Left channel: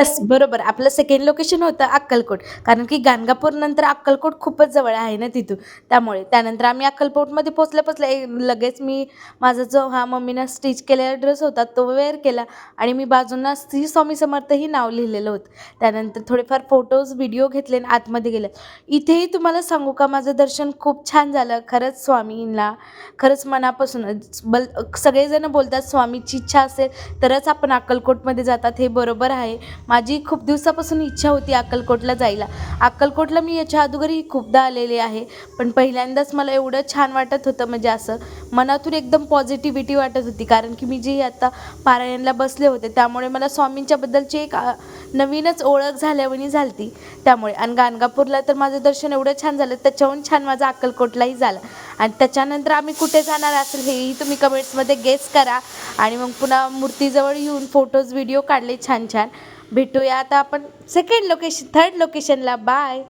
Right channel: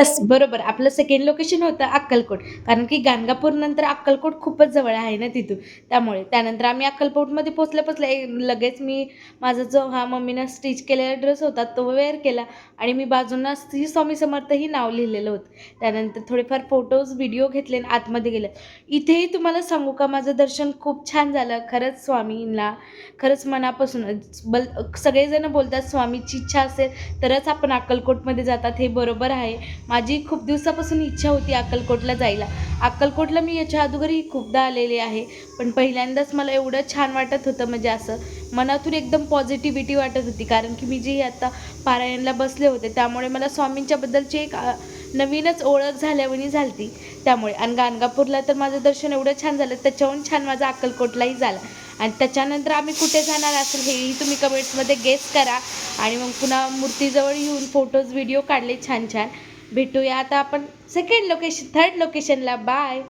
Yes, बरोबर. आपलं second location होतं अक्कलकोट. कारण की गाणगापूरनंतर अक्कलकोट खूपच जवळ आहे ना तिथून. त्यामुळे. त्यानंतर आम्ही अक्कलकोटमध्ये पोहोचल्या-पोहोचल्या लगेच मी माझा जो हा मम्मीनं स्टिच केलेला ड्रेस होता तो वेअर केला आणि मी बाजूंना श्री स्वामी समर्थ ही नाव लिहिलेलं होतं. त्यानंतर थोडेफार फोटोज, व्हिडिओ घेतले आणि आतमध्ये गेले. इथेही तुम्हाला सांगू का माझं दर्शन खूप छान झालं. खरंच स्वामींना खरंच मनापासूनच सगळेजण बोलतात स्वामीची इच्छा असेल तरच आपण अक्कलकोटमध्ये जातात हे बरोबर आहे. माझी खूप दिवसापासून इच्छा होती अक्कलकोटला जायला. अक्कलकोटला मी याच्या अगोदरही खूपदा आलेले आहे. पण पहिल्यांदाच मला एवढं छान वाटत होतं म्हणजे असं मनातून एकदम पॉझिटिव्हिटी वाटत होती. कारण की मी जी आता पारायणला बसले होते त्यामुळे मला स्वामींच्याबद्दलची एक नवीनच ओळख झाल्यावानी झाली त्यामुळे. आणि गाणगापूरला तर माझं दर्शन एवढं छान झालं त्याच्याहून छान माझा अक्कलकोटलाही झाला. आणि त्याच्यानंतर आम्ही कुठे जाणार असेल हेही तुम्ही कमेंट्समध्ये गेस करा. आणि मग पुन्हा मूर्तीजवळ येऊन फोटोज, व्हिडिओ काढले छान-छान. भेटूया आता आपण सेकंड लोकेशन, थर्ड लोकेशनला. बाय.